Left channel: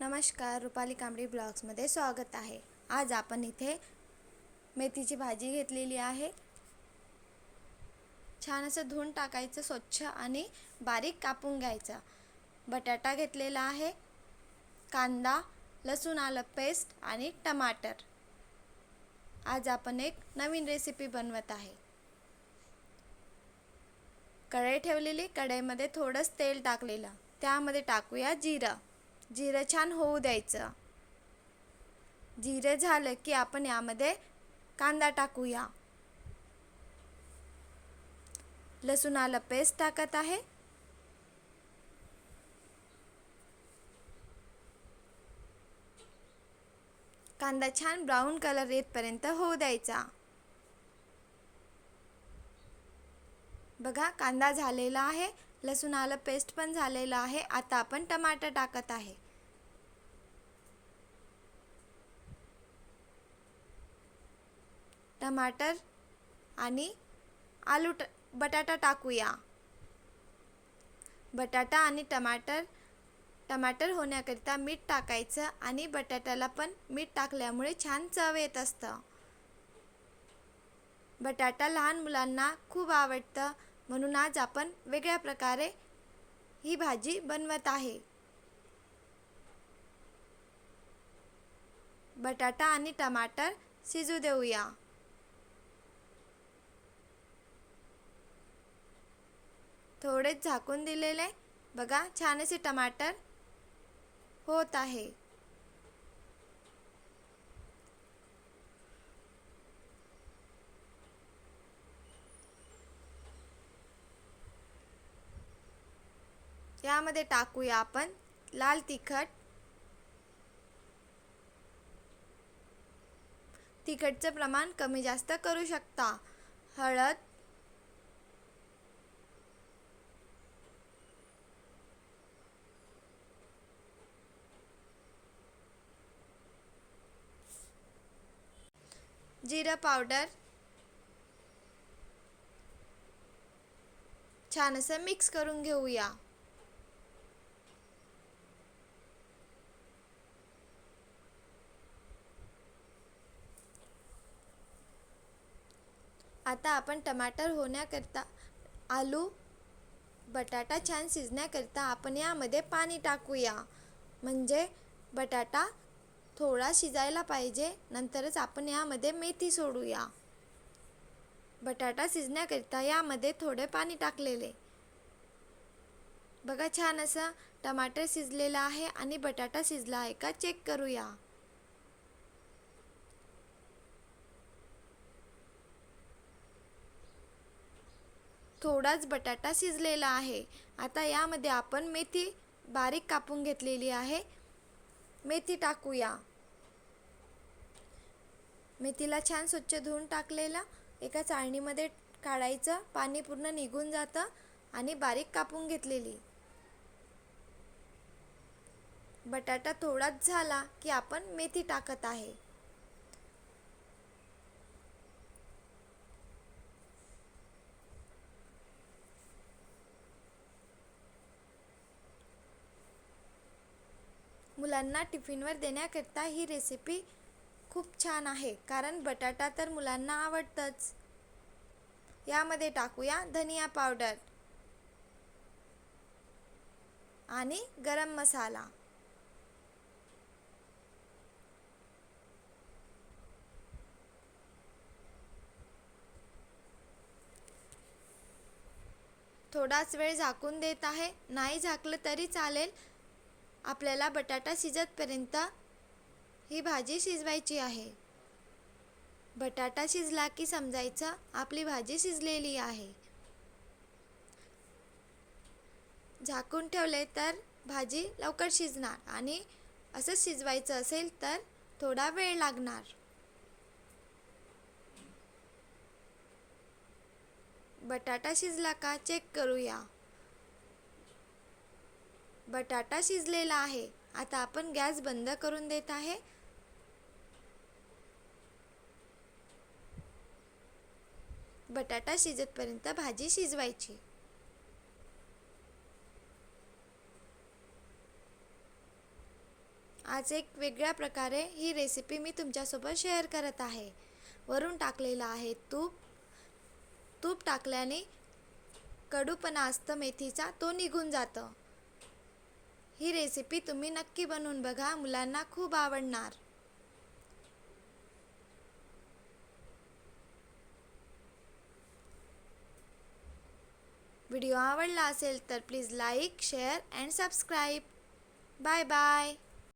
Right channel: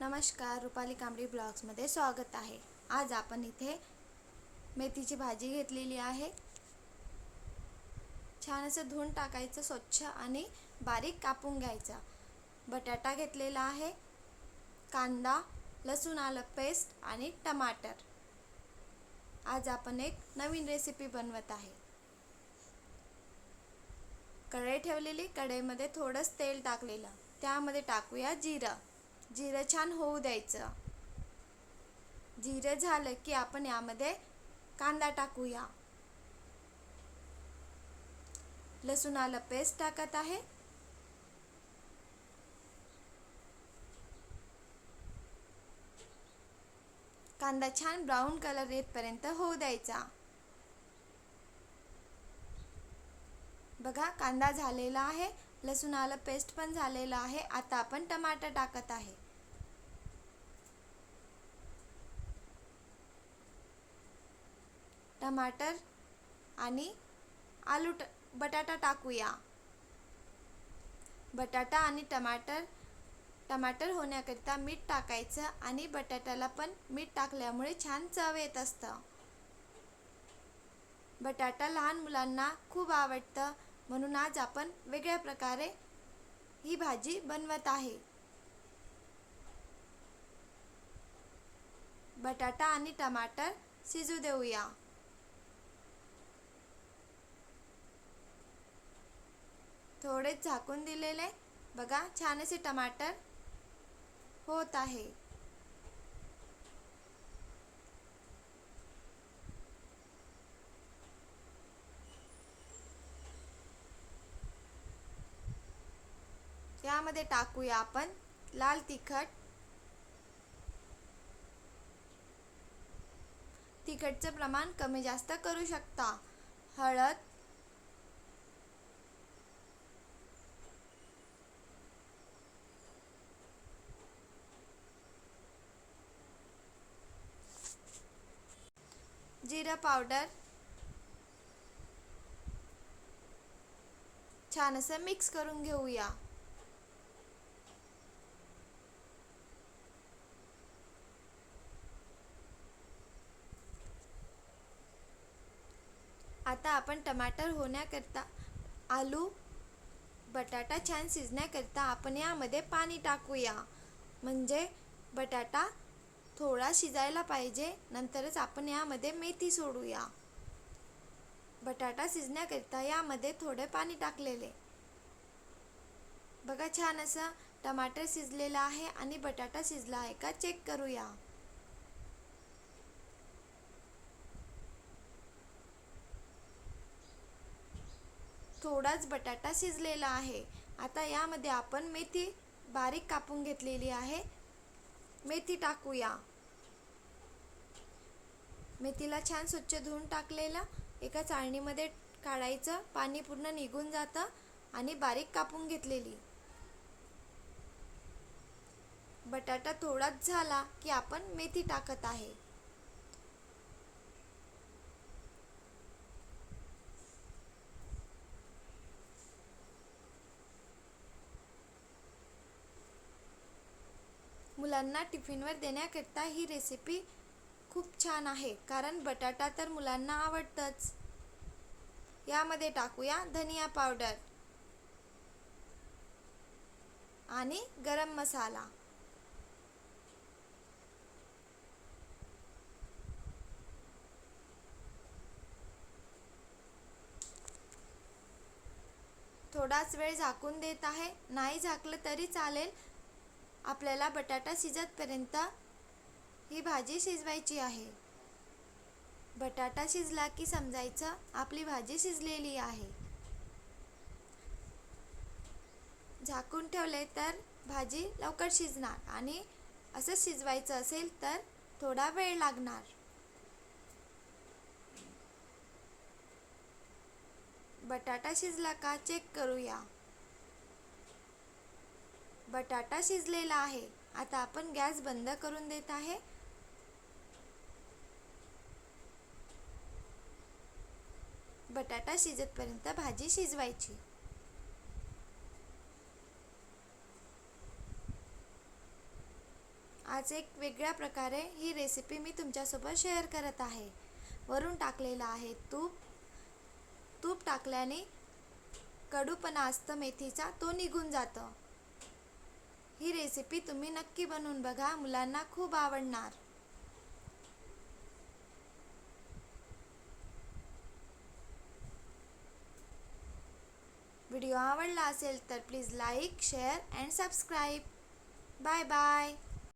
नमस्कार, रुपाली कांबळी ब्लॉग्समध्ये स्वागत आहे। आज आपण इथे मेथीची भाजी घेतलेली आहे। छान असं धुवून टाकायचं स्वच्छ आणि बारीक कापून घ्यायचा। बटाटा घेतलेला आहे, कांदा, लसूण आलं पेस्ट आणि टमाटर। आज आपण एक नवीन रेसिपी बनवत आहे। कढई ठेवलेली, कढईमध्ये थोडंसं तेल टाकलेलं, त्यामध्ये टाकूया जिरं। जिरं छान होऊ द्यायचं। जिरे झालं की आपण यामध्ये कांदा टाकूया। लसूण आलं पेस्ट टाकत आहे। कांदा छान ब्राऊन कलर येतपर्यंत होऊ द्यायचा। बघा, कांदा झालेला आहे, लसूण आलं पेस्ट पण झालेला आहे। आता आपण टमाटर टाकत आहे। टमाटर आणि बटाटा टाकूया। बटाटा आणि टमाटर होण्याकरिता मीठ टाकायचं आणि बटाट्याला पण मीठ टाकल्यामुळे छान चव येत असतं। बटाटा लहान मुलांना खूप आवडतं, म्हणून आज आपण वेगळ्या प्रकारे ही भाजी बनवत आहे। बटाटा आणि टमाटर शिजू देऊया। थोडे झाकून दिलेले, बघा छान असे टमाटर होत आहे। यामध्ये टाकूया आपण लाल तिखट। तिखटचं प्रमाण कमी जास्त करू शकता। हळद, जिरा पावडर, छान असं मिक्स करून घेऊया। आता आपण टमाटर होण्याकरता बटाटा छान शिजण्याकरता आपण यामध्ये पाणी टाकूया, म्हणजे बटाटा थोडा शिजायला पाहिजे। नंतरच आपण यामध्ये मेथी सोडूया। बटाटा शिजण्याकरता यामध्ये थोडे पाणी टाकलेले। बघा, छान असं टमाटर शिजलेलं आहे आणि बटाटा शिजला आहे का चेक करूया। थोडाच बटाटा शिजलेला आहे। आता यामध्ये आपण मेथी बारीक कापून घेतलेली आहे, मेथी टाकूया। मेथीला छान स्वच्छ धुवून टाकलेलं एका चाळणीमध्ये काढायचं, पाणी पूर्ण निघून जातं, आणि बारीक कापून घेतलेली। बटाटा थोडाच झाला की आपण मेथी टाकत आहे। मुलांना टिफिनवर देण्याकरता ही रेसिपी खूप छान आहे, कारण बटाटा तर मुलांना आवडतंच। यामध्ये टाकूया धनिया पावडर आणि गरम मसाला। थोडाच वेळ झाकून देत आहे, नाही झाकलं तरी चालेल। आपल्याला बटाटा शिजतपर्यंत ही भाजी शिजवायची आहे। बटाटा शिजला की समजायचं आपली भाजी शिजलेली आहे। झाकून ठेवले तर भाजी लवकर शिजणार, आणि असं शिजवायचं असेल तर थोडा वेळ लागणार। बटाटा शिजला का चेक करूया। बटाटा शिजलेला आहे। आता आपण गॅस बंद करून देत आहे। बटाटा शिजेपर्यंत भाजी शिजवायची। आज एक वेगळ्या प्रकारे ही रेसिपी मी तुमच्यासोबत शेअर करत आहे. वरून टाकलेलं आहे तूप. तूप टाकल्याने कडूपणा असतं मेथीचा, तो निघून जातं. ही रेसिपी तुम्ही नक्की बनवून बघा, मुलांना खूप आवडणार. व्हिडिओ आवडला असेल तर please like, share and subscribe. Bye bye.